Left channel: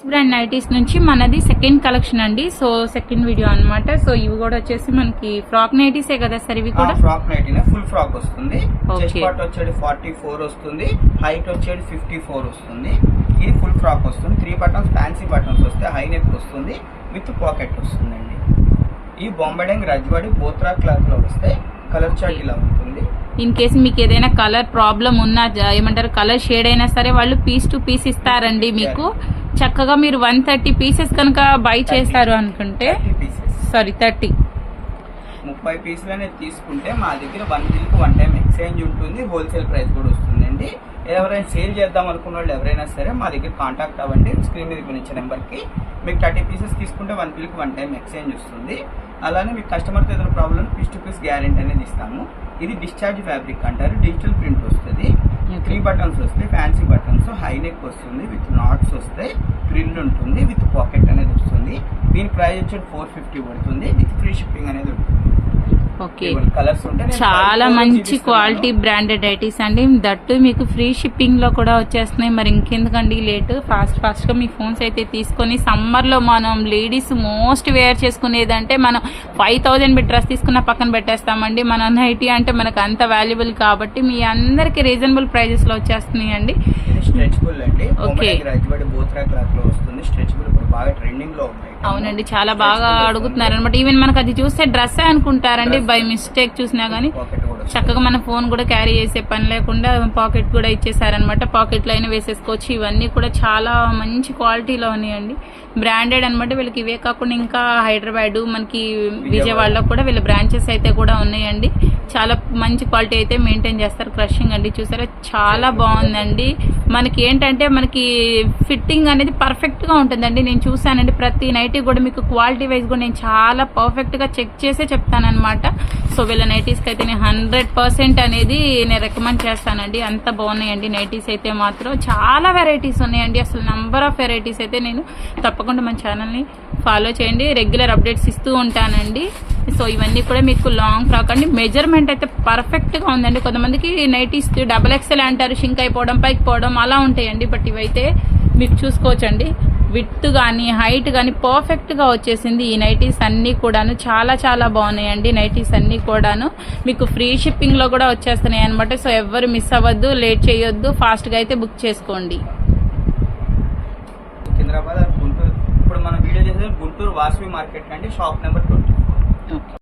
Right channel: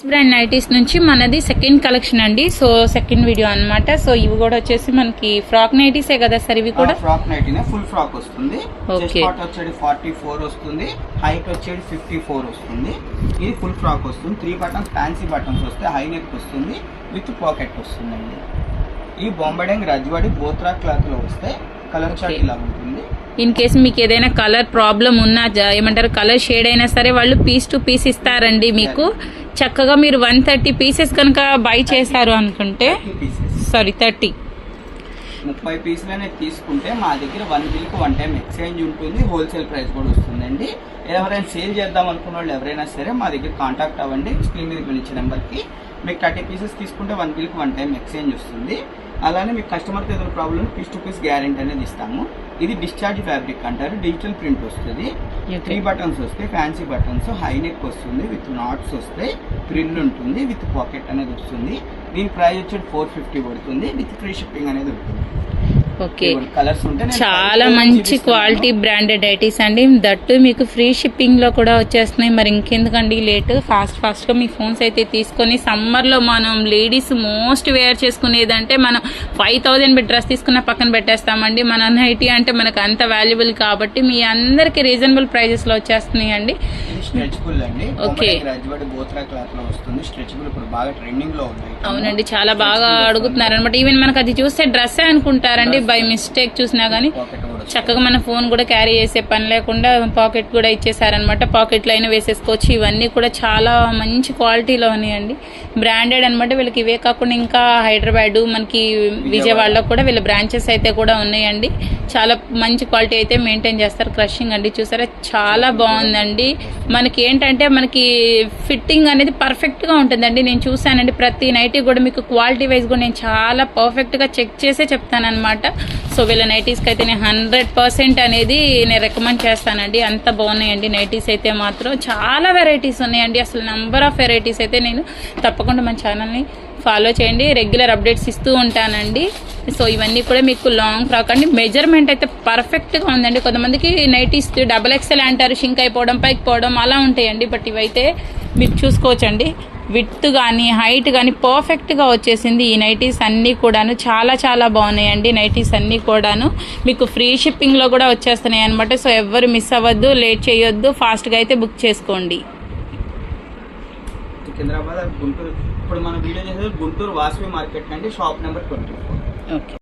Yes brand nighties నుంచి మనది second collection అండి. సో సెకండ్ వీడియో అన్నమాట. సో ఇవి కూడా వచ్చేసి మనకి ఫ్రాక్ నైటీసే కదా సార్? ఇవి కూడా ఫ్రాక్ నైటీనే, ఫుల్ ఫ్రాక్ వస్తుంది. ఓకే, చెస్ట్ పార్ట్ వచ్చేది 44 వస్తుంది, హైట్ వచ్చేది 54 వస్తుంది. ఇది ఫుల్ ఫ్రాక్ వస్తుంది. 3 బటన్స్ ఫ్యాన్సీ బటన్స్ వస్తాయి, హై నెక్ వస్తుంది, విత్ పాకెట్ వస్తుందండి. ఈ బొంబడింగ్ రజ్వాడి బోత్రా క్లాత్ లో వస్తే కలర్ చార్ట్ ఇలా ఉంటుంది. ఇన్ కేసు మీకు ఏదైనా కలర్ ప్రాబ్లం ఉన్నా, ఏమంటారు కలర్ షేడ్ అయినా సరే వాళ్ళు పీస్ టు పీస్ ఇస్తారండి మీకు. చక్కగా మీరు 130 పీసెస్ కనుక బై చేశారు అనుకుంటే, సారీ 30 పీసులు అనేది తీసుకుంటే మా దగ్గర 1 వీక్ 1 టైం ఎక్స్చేంజ్ ఉంటుంది, హోల్సేల్ ప్రైస్ కూడా వస్తుందండి. ఎవరైనా సేల్ చేద్దాం అనుకున్న వాళ్ళు ఎవరైనా సరే మా దగ్గర కాంటాక్ట్ అవ్వండి. స్క్రీన్ మీద ఇచ్చే నెంబర్కి మీకు 30 పీసెస్ తీసుకుంటే 1 వీక్ 1 టైం ఎక్స్చేంజ్ వస్తుంది. అలానే మీకు కస్టమర్కి ఏదైనా problem piece to piece guarantee అనేది ఇస్తాము. ఇది డిశ్చార్జ్ ఫ్యాబ్రిక్ అంటారు, డిజిటల్ ప్రింట్ వస్తుంది. 3 బటన్స్ వస్తాయి, ఫ్యాన్సీ బటన్స్, హై నెక్ వస్తుంది, విత్ నాట్స్ వస్తాయి, ప్రిల్ ఉంటుంది, విత్ పాకెట్ అనేది వస్తుంది. దీని ప్రైస్ వచ్చి 450 పడుతుంది, విత్ ఫ్రీ షిప్పింగ్ అనేది ఉంటుంది. ఓకే, కలర్స్ ఉంటే చాలా మంచి క్వాలిటీ బ్రాండెడ్ నైటీస్ అండి. దట్టు మీకు ఫ్రీ షిప్పింగ్ లో కూడా వచ్చేస్తున్నాయి. మరి ఇంకెందుకండి లేట్, ఫాస్ట్ గా మీ ఫోన్స్ అయితే తీసుకొని సమ్మర్ లో మనం లేడీస్ మోస్ట్ వేర్ చేసుకునేదంటే మనం 5000 డ్రెస్ తీసుకున్న పక్కన పెట్టేస్తామండి. మన నైటీ అంటే మనకు అంత వాల్యుబుల్ కాబట్టి మీ అందరికి రీజనబుల్ ప్రైజెస్ లో వచ్చేస్తున్నాయి అండి. స్ట్రెచబుల్ అండి. ఓకే, బోత్రా క్లాత్ లో వస్తుంది. స్ట్రెచబుల్ ఇప్పుడు బాగా ట్రెండింగ్ లో ఉన్నాయి. అవునండి, చాలా బాగా అడుగుతున్నారు అనమాట. ఈవెన్ మనకు అది చూస్తే డ్రెస్ అనుకుంటారండి, బై మిస్టేక్ చూసినా గానీ చక్కగా మన ఫోన్ కూడా క్యారీ చేసే పని లేకుండా పాకెట్ కూడా ఇచ్చేసారనమాట. పాకెట్లో అయినా వేసేసుకోవచ్చు. ఇవన్నీ కూడా చాలా మంచి క్వాలిటీలో ఉన్నాయండి, బ్రాండెడ్ అనమాట. వీళ్ళకి ఇవే కాకుండా ఇంకా హైదరాబాద్, మనకి విజయవాడలో కూడా వీళ్ళ బ్రాంచెస్ అయితే కూడా ఉన్నాయండి. చాలా మంచి క్వాలిటీ అయితే మెయింటైన్ చేస్తారు. క్రషింగ్ అండి, చూసారా చాలా బాగుందండి. మనకి ఏంటంటే మనకి ఫిట్టింగ్ అనేది పర్ఫెక్ట్ గా ఉంటుందండి. నేను చూసానండి, ప్రతి నైటీ కూడా మీకు క్వాలిటీ వైజ్ కూడా నేను చాలా పర్ఫెక్ట్ గా చెక్ చేసే చెప్తానమాట. సో వీళ్ళ నైటీస్కి అయితే నేను 100% అనేది నేను రికమెండ్ చేస్తానండి. అంత బాగున్నాయండి నైటీస్ అయితే మాత్రం. చాలా వెరైటీస్ ఉన్నాయండి, అసలు నంబర్ ఆఫ్ వెరైటీస్ అయితే. నేను తప్పకుండా మన ఛానల్ని ఫాలో చేయండి, రెగ్యులర్ అప్డేట్స్ ఇస్తూ ఉంటానండి. సో ఇవన్నీ కూడా మీకు లాంగ్ ఫ్రాక్ అండి. మెజర్మెంట్ అయితే పర్ఫెక్ట్గా ఉందండి. కొంతమందికి నైటీస్ XXL అంటారు, షింక్ అయిపోవడం, పైకి పోవడం అలా ఉంటాయండి. బట్ ఇవైతే మీకు చూసుకోవచ్చండి, విడ్త్ కానీ హైట్ కానీ పర్ఫెక్ట్గా వచ్చేసింది. ఈ నైటీస్ అన్నీ కూడాను చాలా చాలా బాగున్నాయండి. నైటీస్ అన్నీ కూడాను మీకు ఫ్రీ షిప్పింగ్లో కూడా వచ్చేస్తున్నాయి అనమాట. సో ఎవ్వరు మిస్ అవ్వద్దు, లేట్ చేయొద్దు, ఫాస్ట్గా అయితే బుక్ చేసుకోండి. సికింద్రాబాద్, గుంటూరు. ఇప్పుడు మన వీడియో చేసేది గుంటూరు వాసవి మార్కెట్ అండి, షాప్ నెంబర్ 24. ఓకే.